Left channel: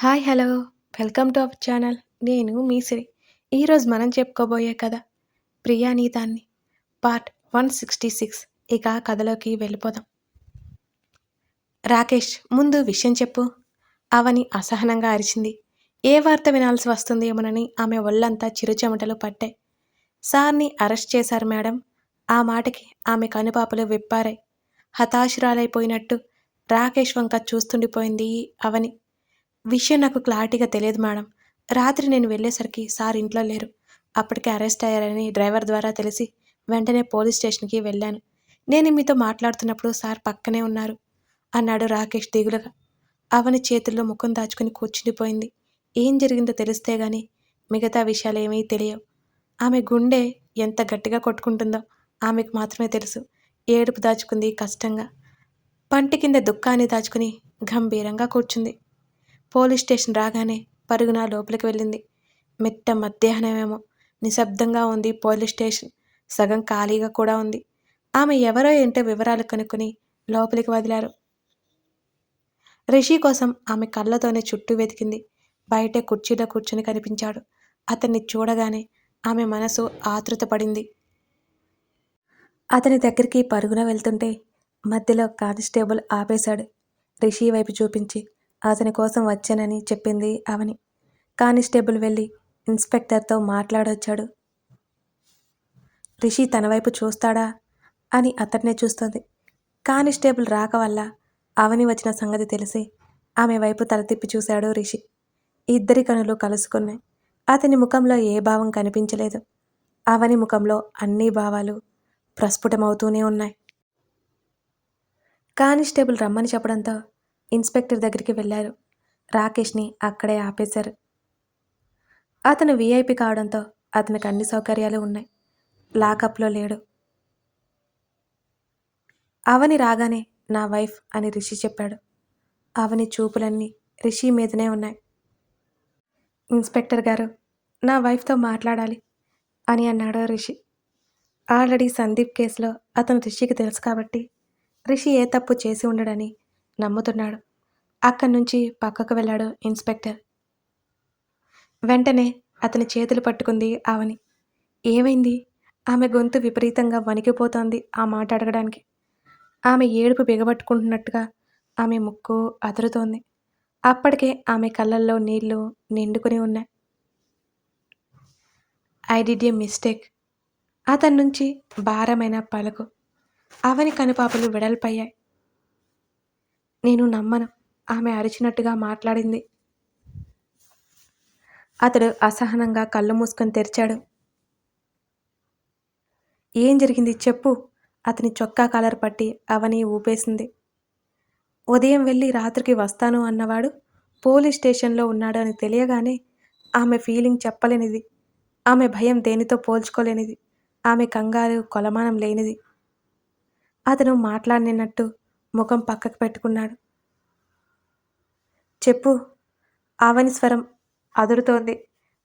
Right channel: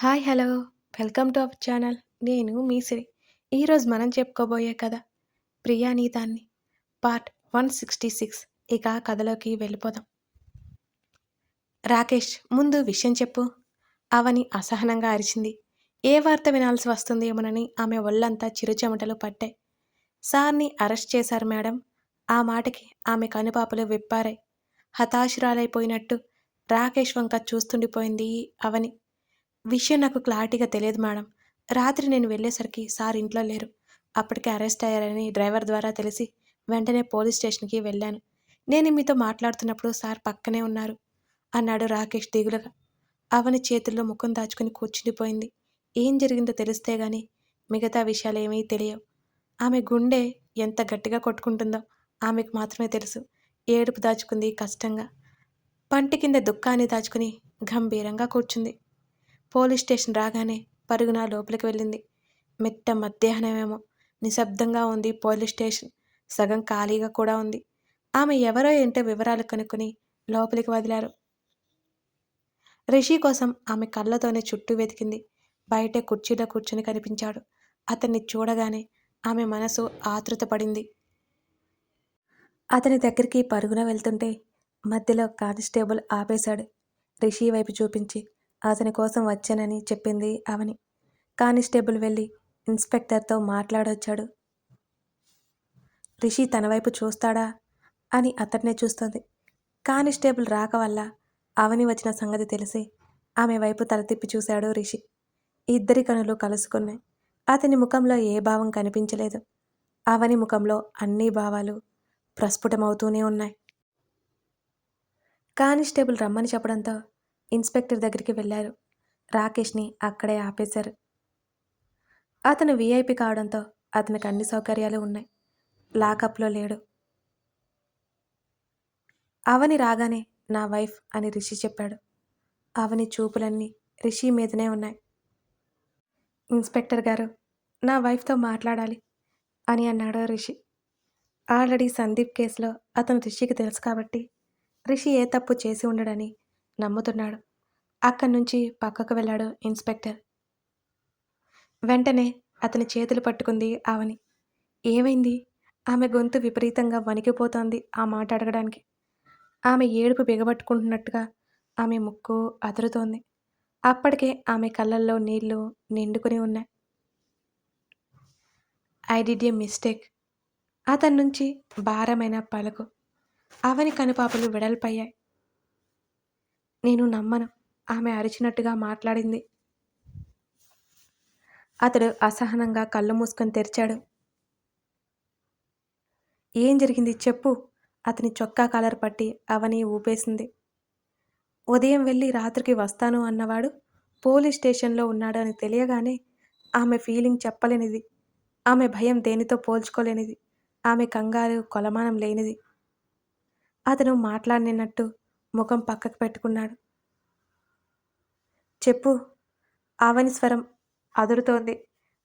Hi hello. Welcome to our channel. నేను మీ ఈరోజు మనం చెప్పుకోబోయే కథ ప్రియానీతాన్ని పార్ట్ వన్ సిక్స్టీ సిక్స్. ఇక కథలోకి వెళ్ళిపోదాం. రాకేష్ ముందు విషయం చెప్పు. అవని అసహనంగా అరిచింది. ఏ వార్త వినాల్సి వస్తుందేమోనని ఆమె ఒళ్ళంతా చిరుచెమటలు పట్టాయి సార్ని అరెస్ట్ చేశారు మేడం. ఆ మాటకి ఆమె కనుపాపలు విప్పారాయి హతాశురాలైపోయినట్టు రాకేష్ వంక చూస్తుండిపోయింది అవని. విషయం నాకు క్లారిటీగా తెలియదు మేడం. రాత్రి నేను వెళ్ళేసరికి సార్ ఇంట్లో లేరు. అప్పటికే అరెస్ట్ అయ్యారని డ్రైవర్ ద్వారా తెలిసి వెంటనే పోలీస్ స్టేషన్కి వెళ్ళాను. నేను మీతో మాట్లాడుతున్నప్పుడు సార్ పక్కనే ఉన్నారు. అన్నాడు రాకేష్ దిగులుగా. అవని చేతుల్లో ముఖం దాచుకుని కూర్చుండిపోయింది. ఏం జరిగిందో తెలిస్తే గాని మిగతా విషయాలు ఏమీ తెలియవు. ఆమె గుండె ఎంత గట్టిగా కొట్టుకుంటుందో ఆమెకు మాత్రమే తెలుసు. ఏడుపు దాచుకుంది కష్టంగా. పంటి కింద దుఃఖాన్ని దాచుకుని గంభీరంగా కూర్చుంది. పోలీస్ స్టేషన్ రాగానే పరుగున లోపలికి వెళ్ళింది. మెట్ట మధ్యాహ్నమేమో. నిశ్శబ్దంగా ఉంది పోలీస్ స్టేషన్. సగం ఖాళీగా కూడా ఉంది. ఆమె ఎవరో ఏంటో వివరాలు కనుక్కొని లోపలికి వదిలారు. రిషి కోసం ఆమె కళ్ళతోనే చుట్టూ వెతికింది. బయట కుర్చీలో కూర్చుని కనిపించాడు. అతన్ని చూడగానే ఆమె మనసు ఆతృతపడింది. అతని దగ్గరికి పరుగున వెళ్తుంటే మధ్యలో కానిస్టేబుల్ ఆపేశాడు. రిషి వైపు చూపించి అతని కోసం వచ్చానని చెప్పింది అవని. కానిస్టేబుల్ వెళ్ళి ఇన్స్పెక్టర్తో మాట్లాడొచ్చాడు. రిషి తన వైపు చూస్తాడా అని అతన్నే చూస్తుంది. కానిస్టేబుల్ రాక వల్ల అవని వచ్చిన సంగతి తెలిసి ఆమె వైపు తల తిప్పి చూశాడు రిషి. ఇద్దరి కనులు కలుసుకున్నాయి. అతని ముఖంలో ఏ భావం కనిపించలేదు. అవని ముఖంలో అన్ని భావాలు ప్రస్ఫుటమవుతూనే ఉన్నాయి. కానిస్టేబుల్ రమ్మని చెప్పడంతో ఇన్స్పెక్టర్ దగ్గరికి వెళ్ళారు. రాకేష్ని అక్కడే ఆపేశారు. అతను వీఐపీ కావడంతో అతనికి అన్ని సౌకర్యాలు ఉన్నాయి. లాకప్లో లేడు. అవని రాగానే నా వైఫ్ అని రిషి చెప్పాడు. అవని చూపులన్నీ రిషి మీదనే ఉన్నాయి. ఇన్స్పెక్టర్ గారు నా వైఫ్తో మాట్లాడాలి అని అన్నాడు రిషి. ఆల్రెడీ సందీప్ కేసులో అతను రిషికి తెలుసు కాబట్టి రిషి ఏ తప్పు చేసి ఉండడని నమ్ముతున్నాడు. అక్కడి నుంచి పక్కకు వెళ్ళాడు ఇన్స్పెక్టర్. వెంటనే అతని చేతులు పట్టుకుంది ఆవని ఏమైంది? ఆమె గొంతు విపరీతంగా వణికిపోతోంది ఆ మాట అడగడానికి. ఆమె ఏడుపు బిగబట్టుకుంటున్నట్టుగా ఆమె ముక్కు అదురుతోంది. అప్పటికే ఆమె కళ్ళల్లో నీళ్ళు నిండుకుని ఉన్నాయి. I did a mistake. అతని నుంచి భారమైన పలుకు. అవని కనుపాపలు విడల్పయ్యాయి. నేను నమ్మను. ఆమె అరిచినట్టుగా మాట్లాడింది. అతడు అసహనంగా కళ్ళు మూసుకొని తెరిచాడు. ఏం జరిగింది చెప్పు అతని చొక్కా కలర్ పట్టి అవని ఊపేసింది. ఉదయం వెళ్ళి రాత్రికి వస్తాను అన్నవాడు పోలీస్ స్టేషన్లో ఉన్నాడు అని తెలియగానే ఆమె ఫీలింగ్ చెప్పలేనిది. ఆమె భయం దేనితో పోల్చుకోలేనిది. ఆమె కంగారు కొలమానం లేనిది. అతను మాట్లాడినట్టు ముఖం పక్కకు పెట్టుకున్నాడు. చెప్పు. ఆవని స్వరం అదురుతోంది.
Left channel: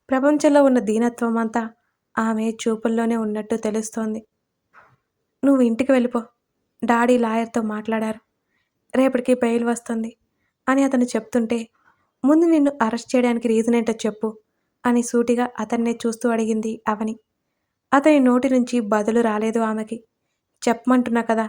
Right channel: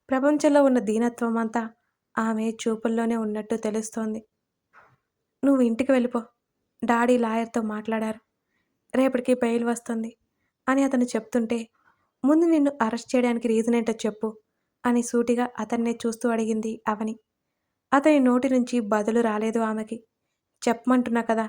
ప్రపంచంలో ఉన్న దీనత్వం అంతా ఆమె చూపుల్లోనే ఉన్నట్టు తెలుస్తోంది. నువ్వు ఇంటికి వెళ్ళిపో. డాడీ లాయర్తో మాట్లాడారు. రేపటికి బెయిల్ వస్తుంది అని అతను చెప్తుంటే ముందు నిన్ను అరెస్ట్ చేయడానికి రీజన్ ఏంటో చెప్పు అని సూటిగా అతన్నే చూస్తూ అడిగింది అవని. అతని నోటి నుంచి బదులు రాలేదు ఆమెకి. చెప్పమంటున్నా కదా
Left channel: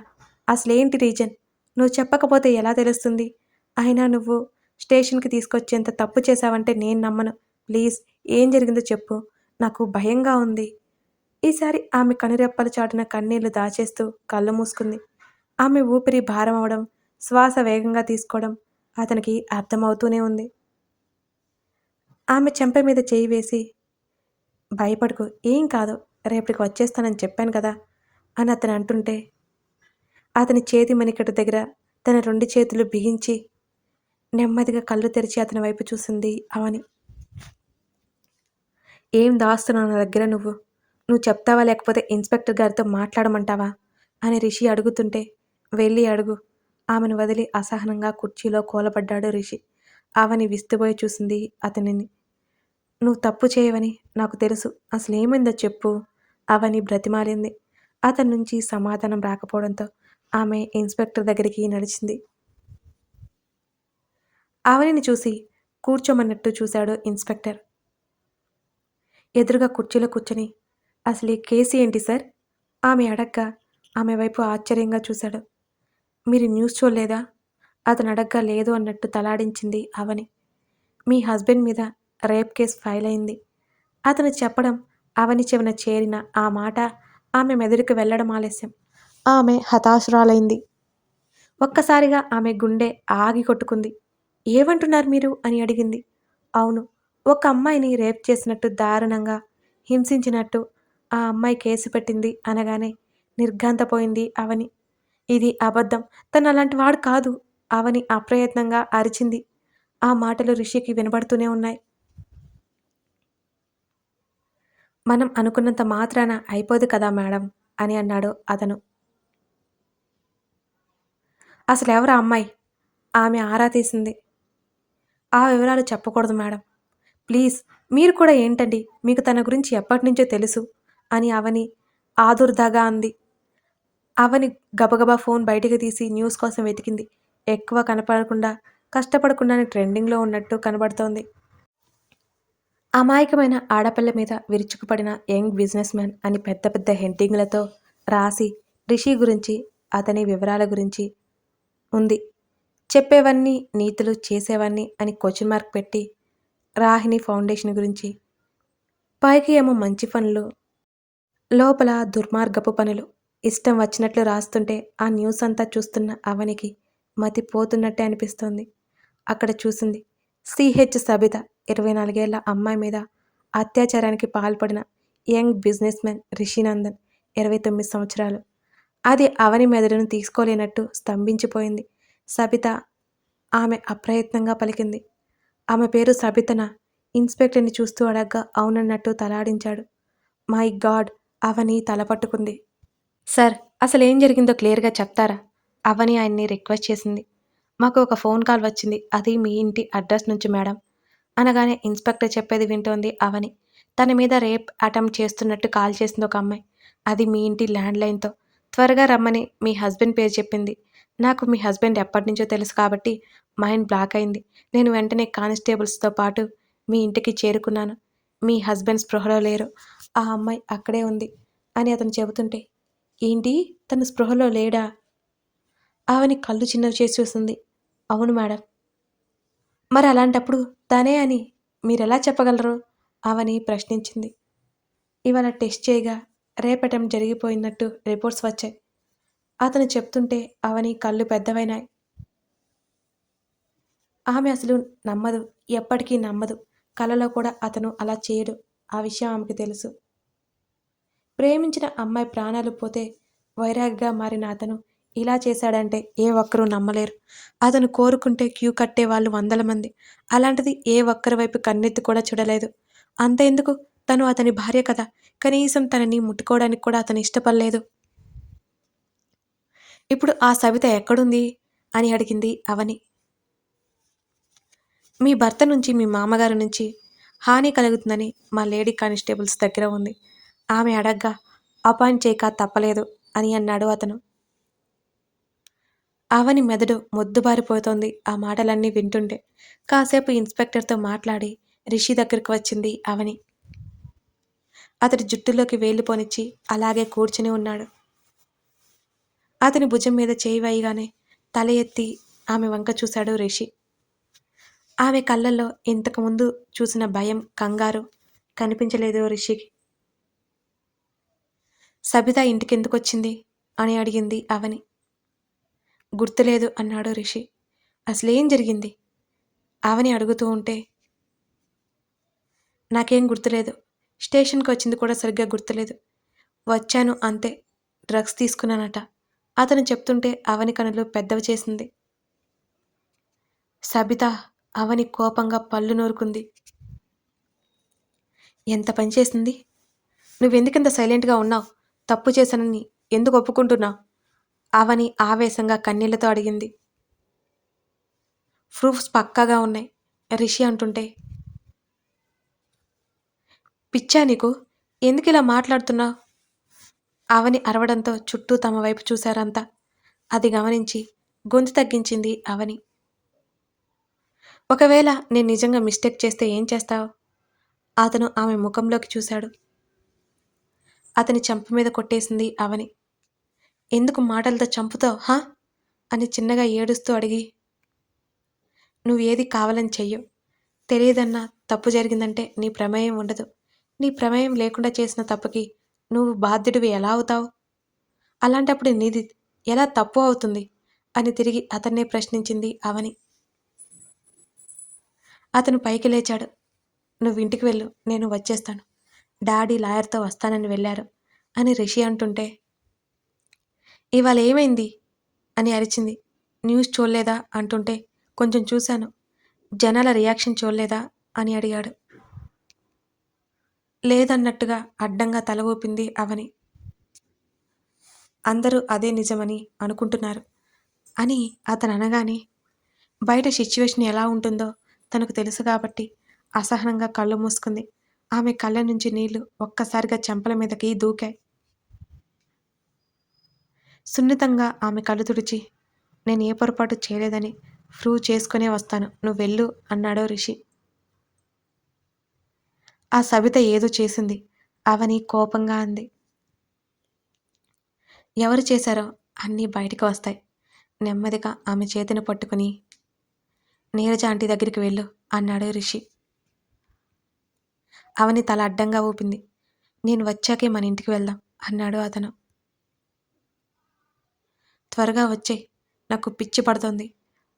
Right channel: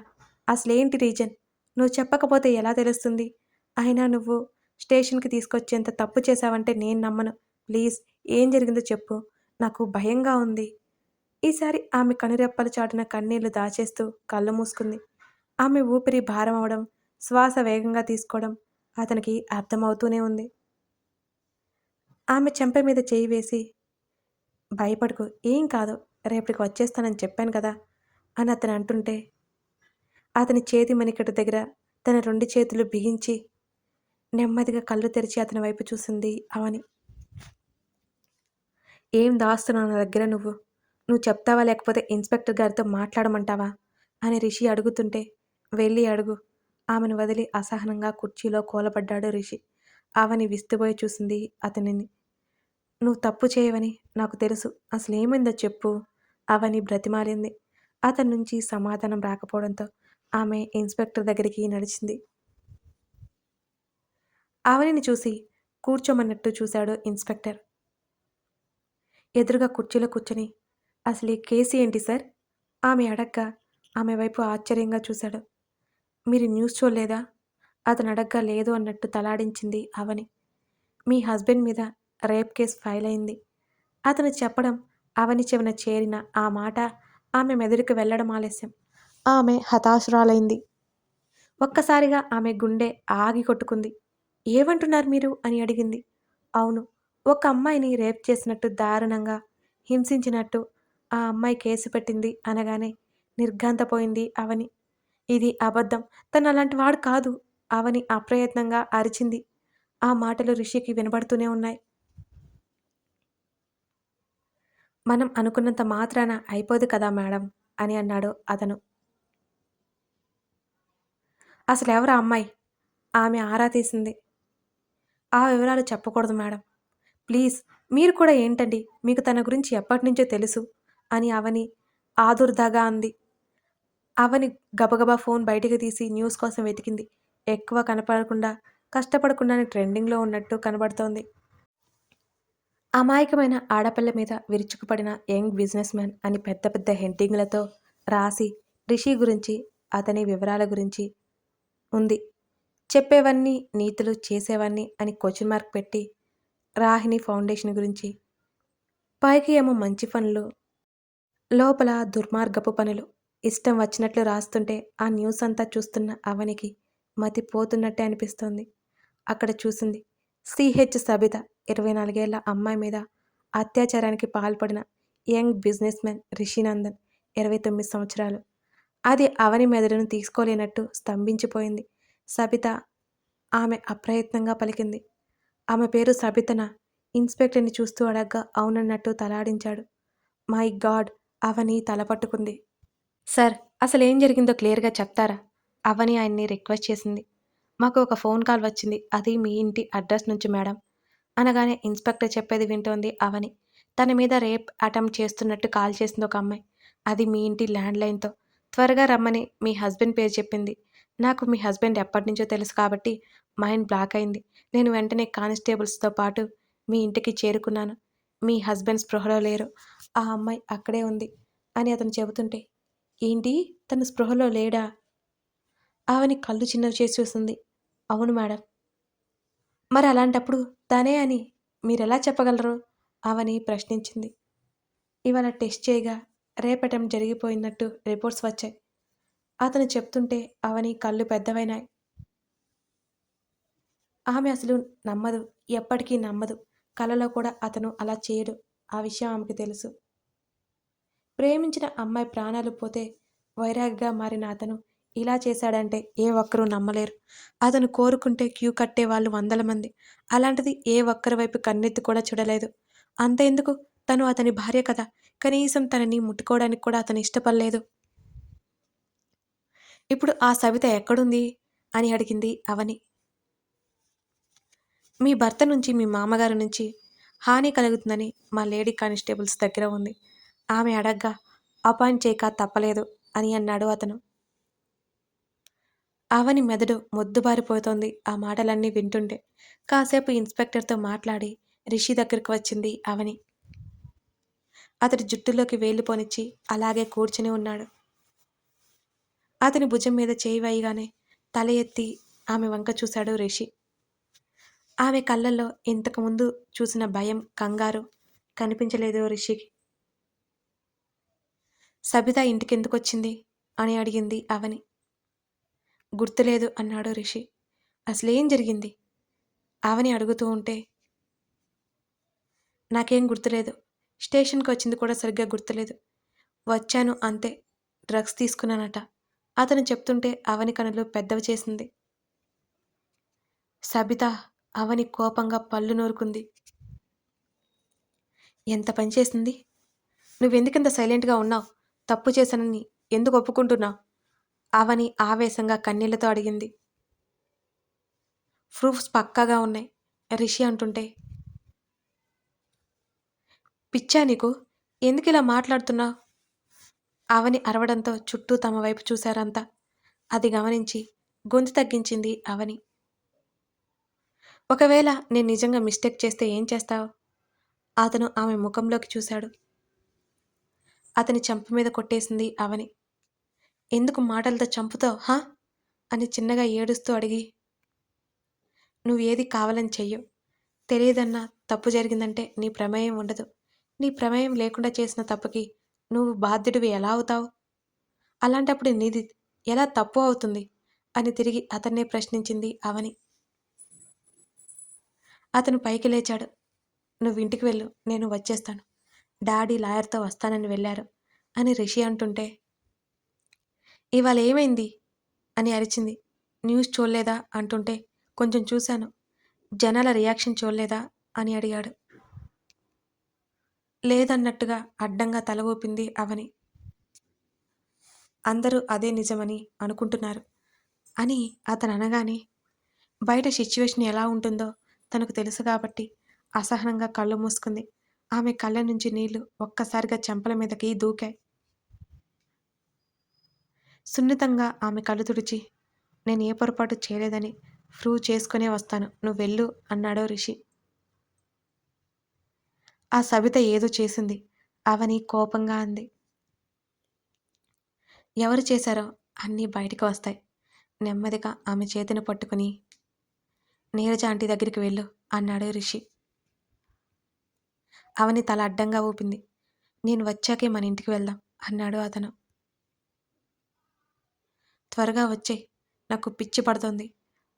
అసలేంటి రీజన్? నువ్వు చెప్పకపోతే ఎలా తెలుస్తుంది? అయినా నువ్వు స్టేషన్కి తీసుకొచ్చేంత తప్పు చేశావంటే నేను నమ్మను. ప్లీజ్ ఏం జరిగిందో చెప్పు. నాకు భయంగా ఉంది. ఈసారి ఆమె కనురెప్పలు చాటున కన్నీళ్ళు దాచేస్తూ కళ్ళు మూసుకుంది. ఆమె ఊపిరి భారం అవడం శ్వాస వేగంగా తీసుకోవడం అతనికి అర్థమవుతూనే ఉంది. ఆమె చెంప మీద చేయి వేసి భయపడుకు ఏం కాదు. రేపటికి వచ్చేస్తానని చెప్పాను కదా అని అతను అంటుంటే అతని చేతి మణికట్టు దగ్గర తన రెండు చేతులు బిగించి నెమ్మదిగా కళ్ళు తెరిచి అతని వైపు చూసింది అవని. ఏం దాస్తున్నావు నా దగ్గర నువ్వు? నువ్వు చెప్తావా లేకపోతే ఇన్స్పెక్టర్ గారితో మాట్లాడమంటావా? అని రిషి అడుగుతుంటే వెళ్ళి అడుగు. ఆమెను వదిలి అసహనంగా కుర్చీలో కోలపడ్డాడు రిషి. ఆమెని విస్తుపోయి చూసింది అతనిని. నువ్వు తప్పు చేయవని నాకు తెలుసు. అసలు ఏమైందో చెప్పు. అవని బ్రతిమాలింది. అతని నుంచి సమాధానం రాకపోవడంతో ఆమె ఇన్స్పెక్టర్ దగ్గరికి నడిచింది. ఆవనిని చూసి కూర్చోమన్నట్టు చూశాడు ఇన్స్పెక్టర్. ఎదురుగా కుర్చీలో కూర్చొని అసలు ఈ కేసు ఏంటి సార్? ఆమె అడగ్గా ఆమె వైపు ఆశ్చర్యంగా చూశాడు. మీరు న్యూస్ చూడలేదా? అతను అడగ్గా లేదు అన్నట్టు తలాడించింది అవని మీ హస్బెండ్ మీద రేప్ కేసు ఫైల్ అయింది. అతను చెప్పడం అవని చెవిన చేరిన ఆ మాట ఆమె మెదడుకు వెళ్ళడం ఆలస్యం. ఆమె హతాశురాలైంది. ఒక్కసారిగా ఆమె గుండె ఆగి కొట్టుకుంది. ఏమంటున్నారు మీరు? అని అడిగింది. అవును ఒక అమ్మాయిని రేప్ చేసినట్టు దారుణంగా హింసించినట్టు ఆ అమ్మాయి కేసు పెట్టింది అనగానే నిర్ఘాంతపోయింది అవని. ఇది అబద్ధం. తను అలాంటి వాడు కాదు అవని అప్రయత్నంగా అరిచింది. ఆ మాటలు రిషికి వినబడుతూనే ఉన్నాయి. మనం అనుకున్నంత మాత్రాన అయిపోదు కదా మేడం? అని అన్నాడు అతను. అసలు ఎవరు ఆ అమ్మాయి? ఆమె ఆరా తీసింది. ఆ వివరాలు చెప్పకూడదు మేడం. ప్లీజ్ మీరు కూడా ఏంటండి? మీకు తన గురించి ఎప్పటి నుంచో తెలుసు అని అవని ఆదుర్దాగా అంది. అవని గబగబా ఫోన్ బయటికి తీసి న్యూస్ కోసం వెతికింది. ఎక్కువ కనపడకుండా కష్టపడకుండానే ట్రెండింగ్లో ఉన్నట్టు కనబడుతోంది. అమాయకమైన ఆడపిల్ల మీద విరుచుకుపడిన యంగ్ బిజినెస్ మ్యాన్ అని పెద్ద పెద్ద హెడ్డింగ్లతో రాసి రిషి గురించి అతని వివరాల గురించి ఉంది. చెప్పేవన్నీ నీతులు చేసేవన్నీ అని క్వశ్చన్ మార్క్ పెట్టి రాహిణి ఫౌండేషన్ గురించి పైకి ఏమో మంచి పనులు లోపల దుర్మార్గపు పనులు ఇష్టం వచ్చినట్లు రాస్తుంటే ఆ న్యూస్ అంతా చూస్తున్న అవనికి మతి పోతున్నట్టే అనిపిస్తోంది. అక్కడ చూసింది సిహెచ్ సబిత ఇరవై నాలుగేళ్ళ అమ్మాయి మీద అత్యాచారానికి పాల్పడిన యంగ్ బిజినెస్ మ్యాన్ రిషినందన్ ఇరవై తొమ్మిది సంవత్సరాలు. అది అవని మెదడును తీసుకోలేనట్టు స్తంభించిపోయింది. సబిత. ఆమె అప్రయత్నంగా పలికింది. ఆమె పేరు సబితన? ఇన్స్పెక్టర్ని చూస్తూ అడగ్గా అవునన్నట్టు తలాడించాడు. My God! అవని తల పట్టుకుంది. సార్ అసలు ఏం జరిగిందో క్లియర్గా చెప్తారా? అవని ఆయన్ని రిక్వెస్ట్ చేసింది. మాకు ఒక ఫోన్ కాల్ వచ్చింది. అది మీ ఇంటి అడ్రస్ నుంచి మేడం. అనగానే ఇన్స్పెక్టర్ చెప్పేది వింటోంది అవని. తన మీద రేప్ అటెంప్ట్ చేస్తున్నట్టు కాల్ చేసింది ఒక అమ్మాయి. అది మీ ఇంటి ల్యాండ్లైన్తో. త్వరగా రమ్మని మీ హస్బెండ్ పేరు చెప్పింది. నాకు మీ హస్బెండ్ ఎప్పటి నుంచో తెలుసు కాబట్టి మైండ్ బ్లాక్ అయింది. నేను వెంటనే కానిస్టేబుల్స్తో పాటు మీ ఇంటికి చేరుకున్నాను. మీ హస్బెండ్ స్పృహలో లేరు. ఆ అమ్మాయి అక్కడే ఉంది అని అతను చెబుతుంటే ఏంటి? తన స్పృహలో లేడా? ఆమెని కళ్ళు చిన్నవి చేసి చూసింది. అవును మేడం. మరి అలాంటప్పుడు తనే అని మీరెలా చెప్పగలరు? అవని ప్రశ్నించింది. ఇవాళ టెస్ట్ చేయగా రేపటం జరిగిపోయినట్టు రిపోర్ట్స్ వచ్చాయి. అతను చెప్తుంటే అవని కళ్ళు పెద్దవైనాయి. ఆమె అసలు నమ్మదు ఎప్పటికీ నమ్మదు. కలలో కూడా అతను అలా చేయడు ఆ విషయం ఆమెకు తెలుసు. ప్రేమించిన అమ్మాయి ప్రాణాలు పోతే వైరాగ్గా మారిన అతను ఇలా చేశాడంటే ఏ ఒక్కరూ నమ్మలేరు. అతను కోరుకుంటే క్యూ కట్టే వాళ్ళు వందల మంది. అలాంటిది ఏ ఒక్కరి వైపు కన్నెత్తి కూడా చూడలేదు. అంత ఎందుకు తను అతని భార్య కదా. కనీసం తనని ముట్టుకోవడానికి కూడా అతను ఇష్టపడలేదు. ఇప్పుడు ఆ సవిత ఎక్కడుంది? అని అడిగింది అవని. మీ భర్త నుంచి మీ మామగారి నుంచి హాని కలుగుతుందని మా లేడీ కానిస్టేబుల్స్ దగ్గర ఉంది. ఆమె అడగ్గా అపాయింట్ చేయక తప్పలేదు అని అన్నాడు అతను. అవని మెదడు మొద్దుబారిపోతోంది ఆ మాటలన్నీ వింటుంటే. కాసేపు ఇన్స్పెక్టర్తో మాట్లాడి రిషి దగ్గరికి వచ్చింది అవని. అతడి జుట్టులోకి వేలిపోనిచ్చి అలాగే కూర్చుని ఉన్నాడు. అతని భుజం మీద చేయి వేయగానే తల ఎత్తి ఆమె వంక చూశాడు రిషి. ఆమె కళ్ళల్లో ఇంతకుముందు చూసిన భయం కంగారు కనిపించలేదు రిషికి. సబిత ఇంటికెందుకొచ్చింది అని అడిగింది అవని. గుర్తులేదు అన్నాడు రిషి. అసలేం జరిగింది? అవని అడుగుతూ ఉంటే నాకేం గుర్తులేదు. స్టేషన్కి వచ్చింది కూడా సరిగ్గా గుర్తులేదు. వచ్చాను అంతే. డ్రగ్స్ తీసుకున్నానట. అతను చెప్తుంటే అవని కనులు పెద్దవి చేసింది. సబిత అవని కోపంగా పళ్ళు నూరుకుంది. ఎంత పని చేసింది? నువ్వెందుకింత సైలెంట్గా ఉన్నావు? తప్పు చేశానని ఎందుకు ఒప్పుకుంటున్నావు అవని ఆవేశంగా కన్నీళ్ళతో అడిగింది. ప్రూఫ్స్ పక్కాగా ఉన్నాయి రిషి అంటుంటే. పిచ్చా నీకు? ఎందుకు ఇలా మాట్లాడుతున్నావు అవని అరవడంతో చుట్టూ తమ వైపు చూశారంతా. అది గమనించి గొంతు తగ్గించింది అవని ఒకవేళ నేను నిజంగా మిస్టేక్ చేస్తే ఏం చేస్తావు? అతను ఆమె ముఖంలోకి చూశాడు. అతని చంప మీద కొట్టేసింది అవని ఎందుకు మాటలతో చంపుతావు హా? అని చిన్నగా ఏడుస్తూ అడిగి. నువ్వు ఏది కావాలని చెయ్యు. తెలియదన్నా తప్పు జరిగిందంటే నీ ప్రమేయం ఉండదు. నీ ప్రమేయం లేకుండా చేసిన తప్పుకి నువ్వు బాధ్యుడివి ఎలా అవుతావు? అలాంటప్పుడు నీది ఎలా తప్పు అవుతుంది? అని తిరిగి అతన్నే ప్రశ్నించింది అవని. అతను పైకి లేచాడు. నువ్వు ఇంటికి వెళ్ళు నేను వచ్చేస్తాను. డాడీ లాయర్తో వస్తానని వెళ్ళారు అని రిషి అంటుంటే ఇవాళ ఏమైంది? అని అరిచింది. న్యూస్ చూడలేదా? అంటుంటే కొంచెం చూశాను. జనాల రియాక్షన్ చూడలేదా? అని అడిగాడు. లేదన్నట్టుగా అడ్డంగా తల ఊపింది అవని. అందరూ అదే నిజమని అనుకుంటున్నారు అని అతను అనగానే బయట సిచ్యువేషన్ ఎలా ఉంటుందో తనకు తెలుసు కాబట్టి అసహనంగా కళ్ళు మూసుకుంది. ఆమె కళ్ళ నుంచి నీళ్ళు ఒక్కసారిగా చెంపల మీదకి దూకాయి. సున్నితంగా ఆమె కళ్ళు తుడిచి నేను ఏ పొరపాటు చేయలేదని ప్రూవ్ చేసుకునే వస్తాను. నువ్వు వెళ్ళు అన్నాడో రిషి. ఆ సబిత ఏదో చేసింది. అవని కోపంగా అంది. ఎవరు చేశారో అన్నీ బయటకు వస్తాయి. నెమ్మదిగా ఆమె చేతిని పట్టుకుని నీరజ ఆంటీ దగ్గరికి వెళ్ళు అన్నాడు రిషి. అవని తల అడ్డంగా ఊపింది. నేను వచ్చాకే మన ఇంటికి వెళ్దాం అన్నాడు అతను. త్వరగా వచ్చే నాకు పిచ్చి పడుతోంది.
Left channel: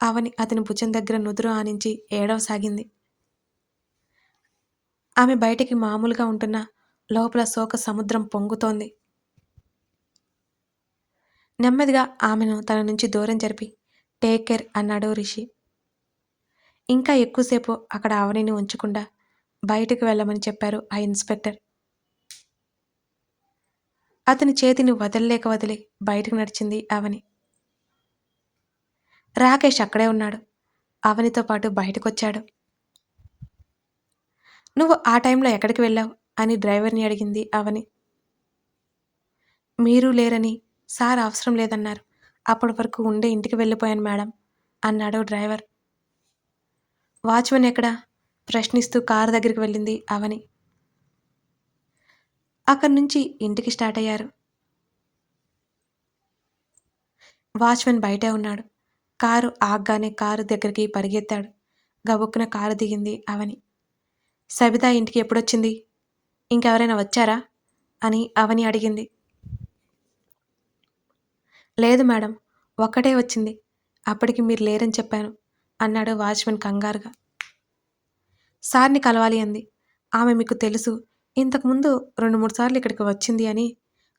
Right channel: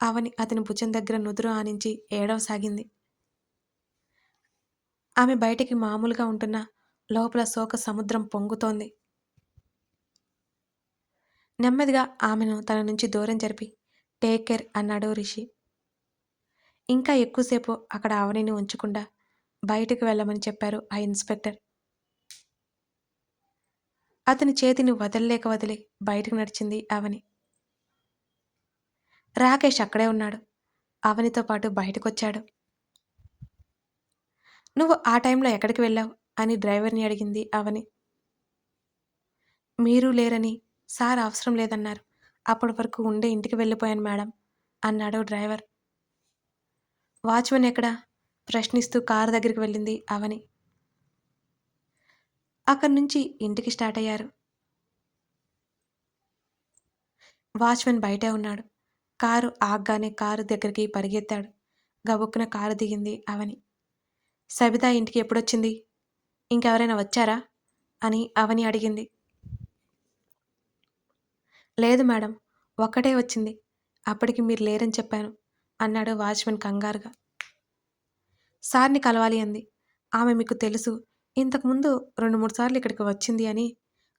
అవని అతని భుజం దగ్గర నుదురు ఆనించి ఏడవసాగింది. ఆమె బయటికి మామూలుగా ఉంటున్న లోపల శోక సముద్రం పొంగుతోంది. నెమ్మదిగా ఆమెను తన నుంచి దూరం జరిపి టేక్ కేర్ అన్నాడు రిషి. ఇంకా ఎక్కువసేపు అక్కడ ఆవనిని ఉంచకుండా బయటకు వెళ్ళమని చెప్పారు ఆ ఇన్స్పెక్టర్. అతని చేతిని వదలలేక వదిలి బయటకు నడిచింది అవని రాకేష్ అక్కడే ఉన్నాడు. అవనితో పాటు బయటకొచ్చాడు. నువ్వు ఆ టైంలో ఎక్కడికి వెళ్ళావు? అని డ్రైవర్ని అడిగింది అవని. మీరు లేరని సార్ అవసరం లేదన్నారు. అప్పటి వరకు ఉండే ఇంటికి వెళ్ళిపోయాను మేడం అన్నాడు డ్రైవర్. వాచ్మెన్ ఎక్కడా? ప్రశ్నిస్తూ కారు దగ్గరికి వెళ్ళింది అవని. అక్కడి నుంచి ఇంటికి స్టార్ట్ అయ్యారు. వాచ్మెన్ బయటే ఉన్నాడు. కారు ఆగ్గానే కారు దగ్గరికి పరిగెత్తాడు. గబుక్కున కారు దిగింది అవని. సబిత ఇంటికి ఎప్పుడొచ్చింది? ఇంకెవరైనా వచ్చారా? అని అవని అడిగింది. లేదు మేడం ఒక్కటే వచ్చింది. అప్పటికి మీరు లేరని చెప్పాను అన్నాడు వాచ్మెన్ కంగారుగా. సార్ని కలవాలి అంది. ఆమె మీకు తెలుసు ఇంతకుముందు రెండు మూడు సార్లు ఇక్కడికి వచ్చింది అని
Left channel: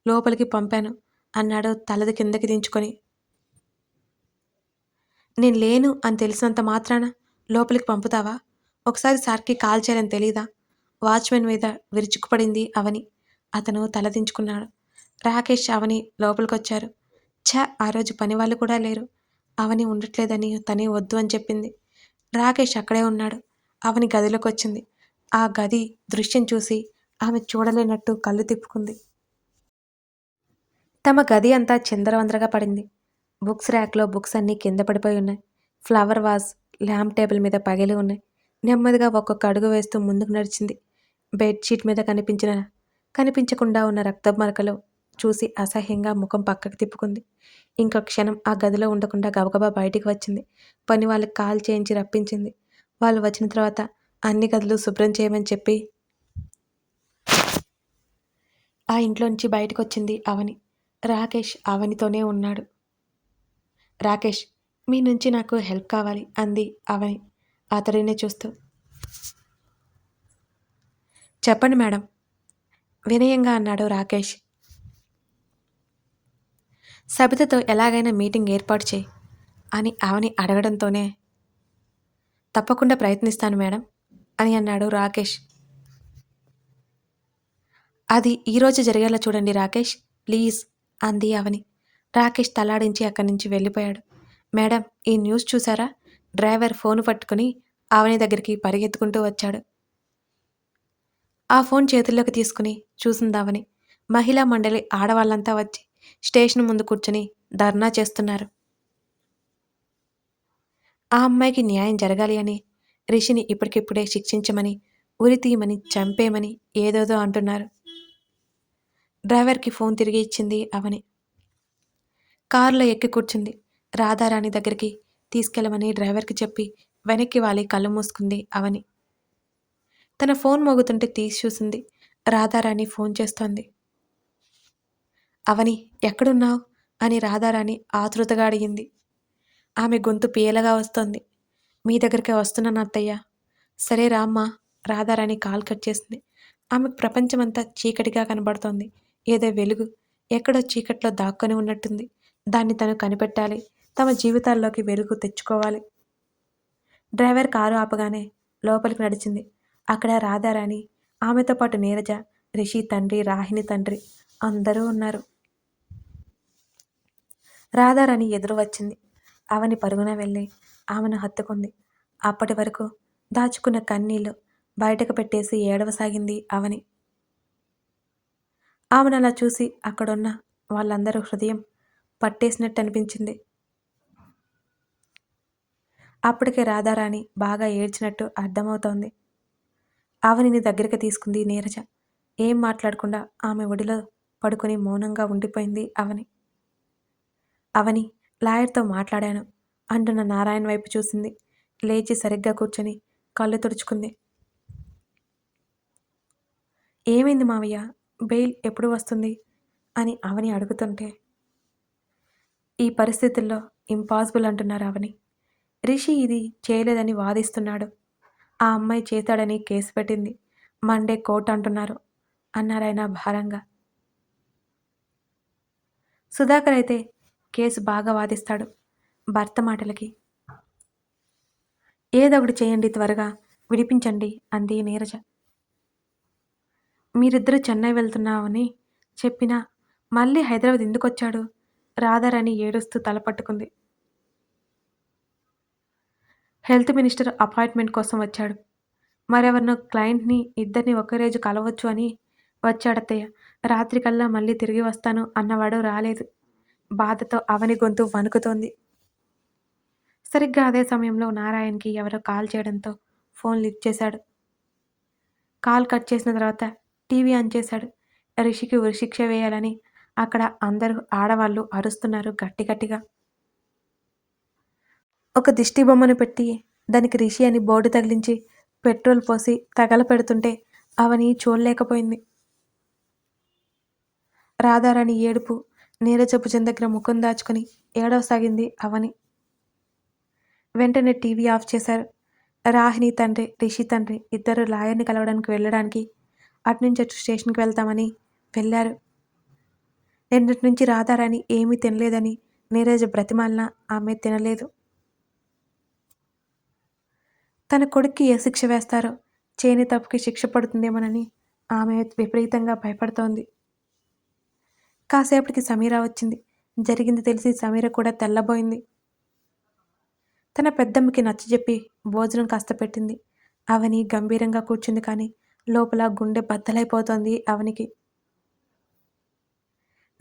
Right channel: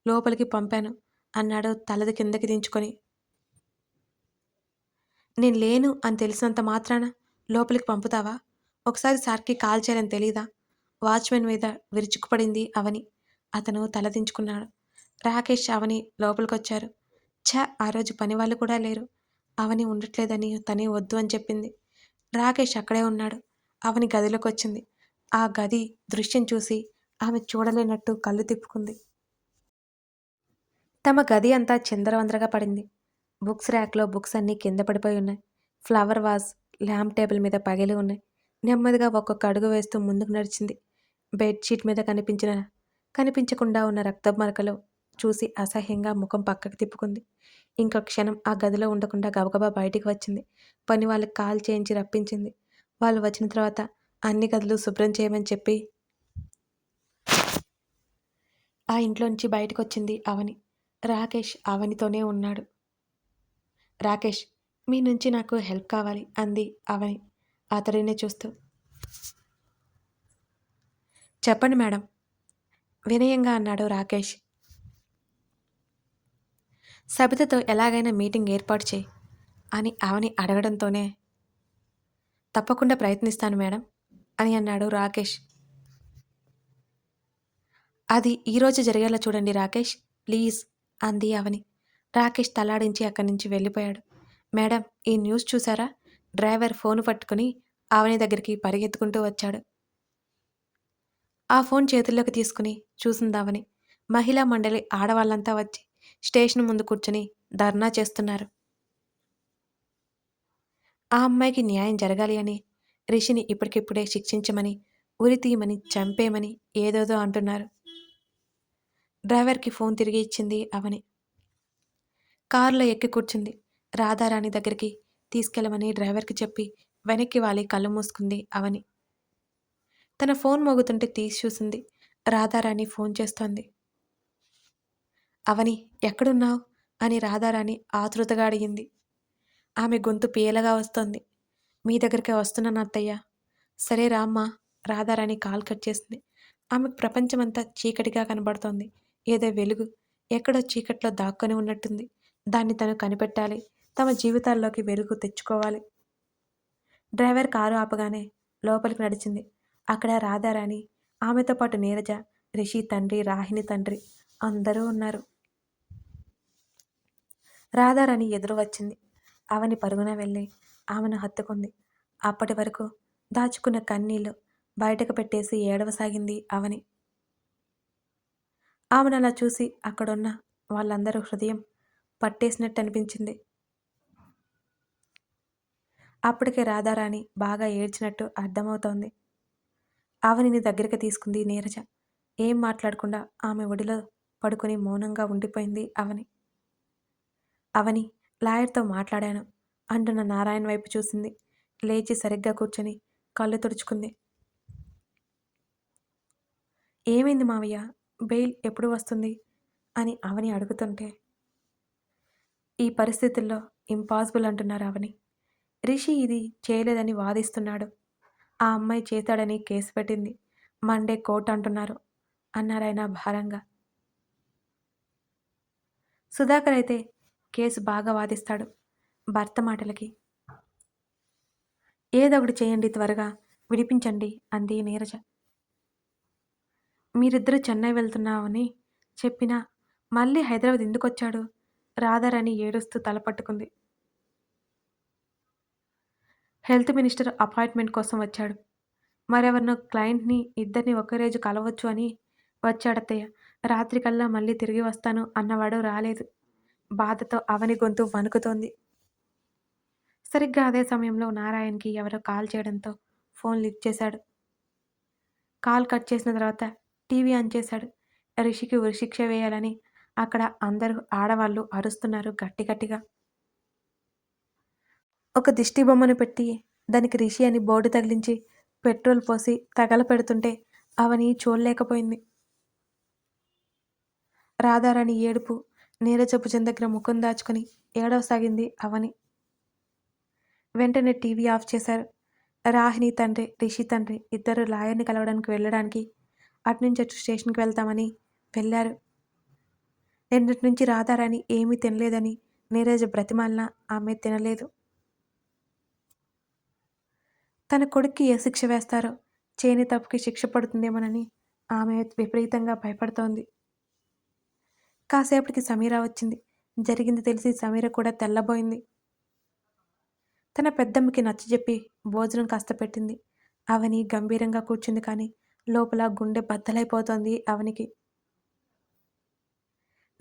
లోపలికి పంపాను అన్నాడు తలది కిందకి దించుకొని. నేను లేను అని తెలిసినంత మాత్రాన లోపలికి పంపుతావా? ఒకసారి సార్కి కాల్ చేయాలని తెలీదా? వాచ్మెన్ మీద విరుచుకుపడింది అవని. అతను తలదించుకున్నాడు రాకేష్ అవని లోపలికొచ్చారు. ఛ ఆ రోజు పని వాళ్ళు కూడా లేరు. అవని ఉండట్లేదని తనే వద్దు అని చెప్పింది. రాకేష్ అక్కడే ఉన్నాడు. అవని గదిలోకి వచ్చింది ఆ గది దృశ్యం చూసి ఆమె చూడలేనట్టు కళ్ళు తిప్పుకుంది. తమ గది అంతా చిందరవందరగా పడింది. బుక్స్ ర్యాక్లో బుక్స్ అన్నీ కింద పడిపోయి ఉన్నాయి. ఫ్లవర్ వాజ్ ల్యాంప్ టేబుల్ మీద పగిలి ఉన్నాయి. నెమ్మదిగా ఒక్కొక్క అడుగు వేస్తూ ముందుకు నడిచింది. బెడ్షీట్ మీద కనిపించిన కనిపించకుండా ఉన్న రక్త మరకలు చూసి అసహ్యంగా ముఖం పక్కకు తిప్పుకుంది. ఇంకో క్షణం ఆ గదిలో ఉండకుండా గబగబా బయటికి వచ్చింది. పని వాళ్ళకి కాల్ చేయించి రప్పించింది. వాళ్ళు వచ్చిన తర్వాత అన్ని గదులు శుభ్రం చేయమని చెప్పి ఆ ఇంట్లోంచి బయటకు వచ్చింది అవని. రాకేష్ అవనితోనే ఉన్నాడు. రాకేష్ మీ నుంచి నాకు హెల్ప్ కావాలి అంది అవని. అతడినే చూస్తూ. చెప్పండి మేడం. వినయంగా అన్నాడు రాకేష్. సబితతో ఎలాగైనా మీటింగ్ ఏర్పాటు చేయి అని ఆమెని అడగడంతోనే. తప్పకుండా ప్రయత్నిస్తాను మేడం అని అన్నాడు రాకేష్. అది ఈరోజు జరిగేలా చూడండి రాకేష్ ప్లీజ్ అంది అవని రాకేష్ తలాడించి అక్కడి నుంచి వెళ్ళిపోయాడు. మేడం ఈ న్యూస్ చూసారా? డ్రైవర్ ఫోన్ పట్టుకుని ఆవని దగ్గరికి పరిగెత్తుకుంటూ వచ్చాడు. ఆ ఫోన్ చేతుల్లోకి తీసుకుని చూసిందావని మహిళా మండలి ఆడవాళ్ళంతా వచ్చి స్టేషన్ ముందు కూర్చుని ధర్నా చేస్తున్నారు. ఆ అమ్మాయికి న్యాయం జరగాలి అని రిషిని ఇప్పటికిప్పుడే శిక్షించమని ఉరి తీయమని చంపేమని ఏదోదో అంటున్నారు. డ్రైవర్కి ఫోన్ తిరిగి ఇచ్చింది అవని కారులో ఎక్కి కూర్చుంది రాధారాణి దగ్గరికి తీసుకెళ్ళమని డ్రైవర్కి చెప్పి వెనక్కి వాలి కళ్ళు మూసుకుంది అవని. తన ఫోన్ మోగుతుంటే తీసి చూసింది. రాధారాణి ఫోన్ చేస్తోంది. అవని ఎక్కడున్నావు? అని రాధారాణి ఆతృతగా అడిగింది. ఆమె గొంతు పీయలగా వస్తోంది. మీ దగ్గరికి వస్తున్నాను అత్తయ్య. సరే రామ్మా రాధారాణి కాల్ కట్ చేసింది. ఆమెకు ప్రపంచమంతా చీకటిగా కనబడుతోంది. ఏదో వెలుగు ఎక్కడో చీకట్లో దాక్కొని ఉన్నట్టుంది. దాన్ని తను కనిపెట్టాలి. తమ జీవితాల్లోకి వెలుగు తెచ్చుకోవాలి. డ్రైవర్ కారు ఆపగానే లోపలికి నడిచింది. అక్కడ రాధారాణి ఆమెతో పాటు నీరజ రిషి తండ్రి రాహిణి తండ్రి అందరూ ఉన్నారు. రాధారాణి ఎదురు వచ్చింది. అవని పరుగున వెళ్ళి ఆమెను హత్తుకుంది. అప్పటి వరకు దాచుకున్న కన్నీళ్ళు బయటకు పెట్టేసి ఏడవసాగింది అవని. ఆమెను అలా చూసి అక్కడున్న వాళ్ళందరూ హృదయం పట్టేసినట్టు అనిపించింది అప్పటికే రాధారాణి బాగా ఏడ్చినట్టు అర్థమవుతోంది. అవనిని దగ్గరికి తీసుకుంది నీరజ. ఏం మాట్లాడకుండా ఆమె ఒడిలో పడుకొని మౌనంగా ఉండిపోయింది అవని. అవని లాయర్తో మాట్లాడాను అంటున్న నారాయణ వైపు చూసింది. లేచి సరిగ్గా కూర్చొని కళ్ళు తుడుచుకుంది. ఏమైంది మావయ్య? బెయిల్ ఎప్పుడు వస్తుంది? అని అవని అడుగుతుంటే. ఈ పరిస్థితుల్లో ఇంపాసిబుల్ అంటున్నారు అవని. రిషి ఇది చేయలేదని వాదిస్తున్నాడు. ఆ అమ్మాయి చేతాడని కేసు పెట్టింది. మండే కోర్టు అంటున్నారు అన్నారాయన భారంగా. సుధాకర్ అయితే కేసు బాగా వాదిస్తాడు భర్త మాటలకి. ఏదొకటి చేయండి త్వరగా విడిపించండి అంది నీరజ. మీరిద్దరూ చెన్నై వెళ్తున్నామని చెప్పినా మళ్ళీ హైదరాబాద్ ఎందుకు వచ్చాడు రాధారాణి ఏడుస్తూ తలపట్టుకుంది హెల్త్ మినిస్టర్ అపాయింట్మెంట్ కోసం వచ్చాడు. మరెవరినో క్లయింట్ని ఇద్దరిని ఒకే రోజు కలవచ్చు అని వచ్చాడత్తయ్య. రాత్రికల్లా మళ్ళీ తిరిగి వస్తాను అన్నవాడు రాలేదు. బాధతో అవని గొంతు వణుకుతోంది. సరిగ్గా అదే సమయంలో నారాయణకి ఎవరో కాల్ చేయడంతో ఫోన్ లిఫ్ట్ చేశాడు. కాల్ కట్ చేసిన తర్వాత టీవీ ఆన్ చేశాడు. రిషికి ఉరిశిక్ష వేయాలని అక్కడ అందరూ ఆడవాళ్ళు అరుస్తున్నారు గట్టి గట్టిగా ఒక దిష్టి బొమ్మను పెట్టి దానికి రిషి అని బోర్డు తగిలించి పెట్రోల్ పోసి తగల పెడుతుంటే అవని చూడలేకపోయింది. రాధారాణి ఏడుపు నీరజ దగ్గర ముఖం దాచుకుని ఏడవసాగింది అవని. వెంటనే టీవీ ఆఫ్ చేశారు. రాహిణి తండ్రి రిషి తండ్రి ఇద్దరు లాయర్ని కలవడానికి వెళ్ళడానికి అటునుంచి అటు స్టేషన్కి వెళ్తామని వెళ్ళారు. నిన్నటి నుంచి రాధారాణి ఏమీ తినలేదని నీరజ బ్రతిమాలిన ఆమె తినలేదు. తన కొడుక్కి ఏ శిక్ష వేస్తారో? చేయని తప్పుకి శిక్ష పడుతుందేమోనని ఆమె విపరీతంగా భయపడుతోంది. కాసేపటికి సమీర వచ్చింది. జరిగింది తెలిసి సమీర కూడా తెల్లబోయింది. తన పెద్దమ్మకి నచ్చజెప్పి భోజనం కాస్త పెట్టింది. అవని గంభీరంగా కూర్చుంది కానీ లోపల గుండె బద్దలైపోతోంది అవనికి.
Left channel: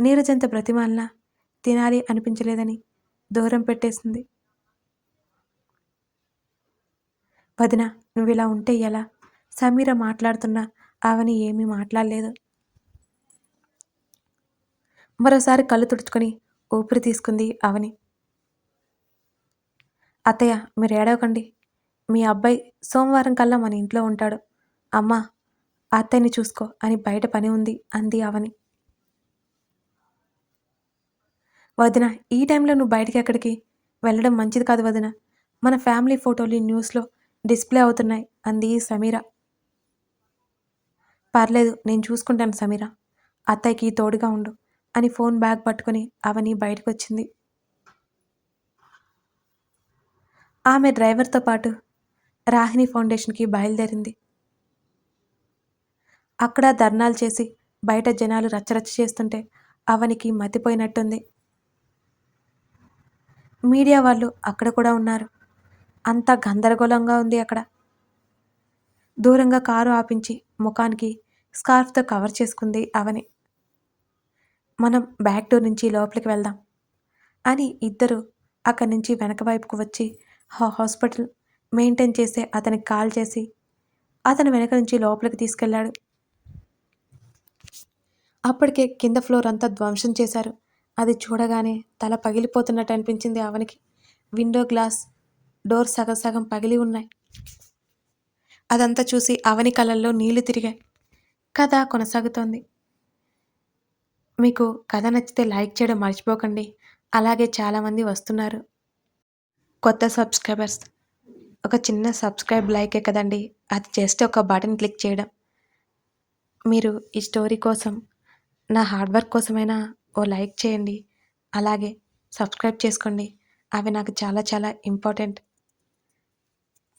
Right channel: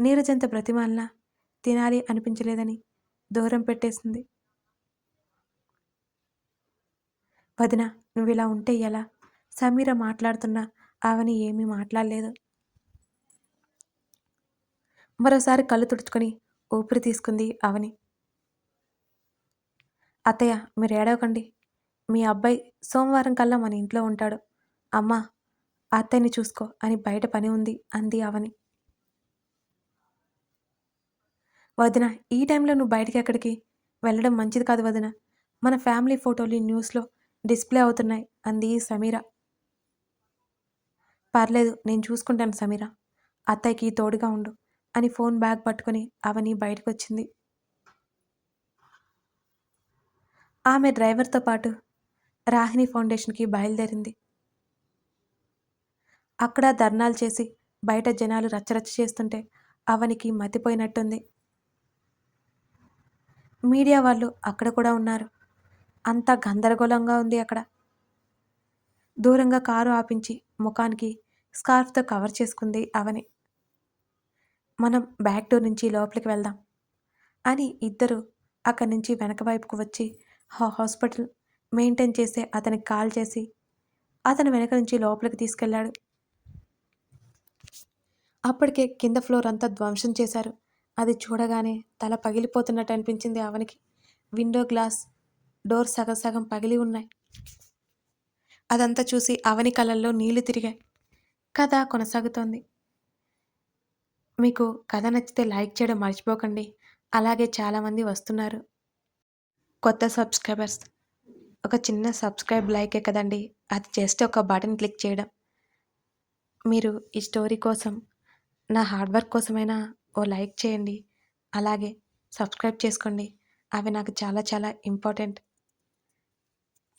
నీరజంత బ్రతిమాలన తినాలి అనిపించలేదని దూరం పెట్టేసింది. వదిన నువ్వు ఇలా ఉంటే ఎలా? సమీర మాట్లాడుతున్నా ఆవని ఏమీ మాట్లాడలేదు. మరోసారి కళ్ళు తుడుచుకొని ఊపిరి తీసుకుంది అవని అత్తయ్య మీరు ఏడవకండి. మీ అబ్బాయి సోమవారం కల్లా మన ఇంట్లో ఉంటాడు. అమ్మా అత్తయ్యని చూసుకో అని బయట పని ఉంది అంది అవని వదిన ఈ టైంలో నువ్వు బయటికి ఎక్కడికి? వెళ్ళడం మంచిది కాదు వదిన. మన ఫ్యామిలీ ఫోటోలు న్యూస్లో డిస్ప్లే అవుతున్నాయి. అంది సమీర. పర్లేదు నేను చూసుకుంటాను సమీర. అత్తయ్యకి తోడుగా ఉండు అని ఫోన్ బ్యాగ్ పట్టుకుని అవని బయటకు వచ్చింది ఆమె డ్రైవర్తో పాటు రాహిణి ఫౌండేషన్కి బయలుదేరింది. అక్కడ ధర్నాలు చేసి బయట జనాలు రచ్చరచ్చ చేస్తుంటే అవనికి మతిపోయినట్టుంది. మీడియా వాళ్ళు అక్కడ కూడా ఉన్నారు. అంతా గందరగోళంగా ఉంది అక్కడ. దూరంగా కారు ఆపించి ముఖానికి స్కార్ఫ్తో కవర్ చేసుకుంది అవని. మనం బ్యాక్ డోర్ నుంచి లోపలికి వెళ్దాం అని ఇద్దరు అక్కడి నుంచి వెనక వైపుకు వచ్చి హాస్పిటల్ మెయింటైన్ చేసే అతనికి కాల్ చేసి అతను వెనక నుంచి లోపలికి తీసుకెళ్ళాడు. అప్పటికే కింద ఫ్లోర్ అంతా ధ్వంసం చేశారు. అది చూడగానే తల పగిలిపోతున్నట్టు అనిపించింది అవనికి. విండో గ్లాస్ డోర్ సగం సగం పగిలి ఉన్నాయి. అదంతా చూసి అవని కళ్ళల్లో నీళ్ళు తిరిగాయి. కథ కొనసాగుతోంది. మీకు కథ నచ్చితే లైక్ చేయడం మర్చిపోకండి. అలాగే చాలామంది వస్తున్నారు. కొత్త సబ్స్క్రైబర్స్. ఒక చిన్న సబ్స్క్రైబ్ లైకే కదండి. అది జస్ట్ ఒక బటన్ క్లిక్ చేయడం. మీరు ఈ స్టోరీ కోసం నా హార్డ్ వర్క్ కోసమైనా ఓ లైక్ చేయండి. అలాగే సబ్స్క్రైబ్ చేసుకోండి. అవి నాకు చాలా చాలా important.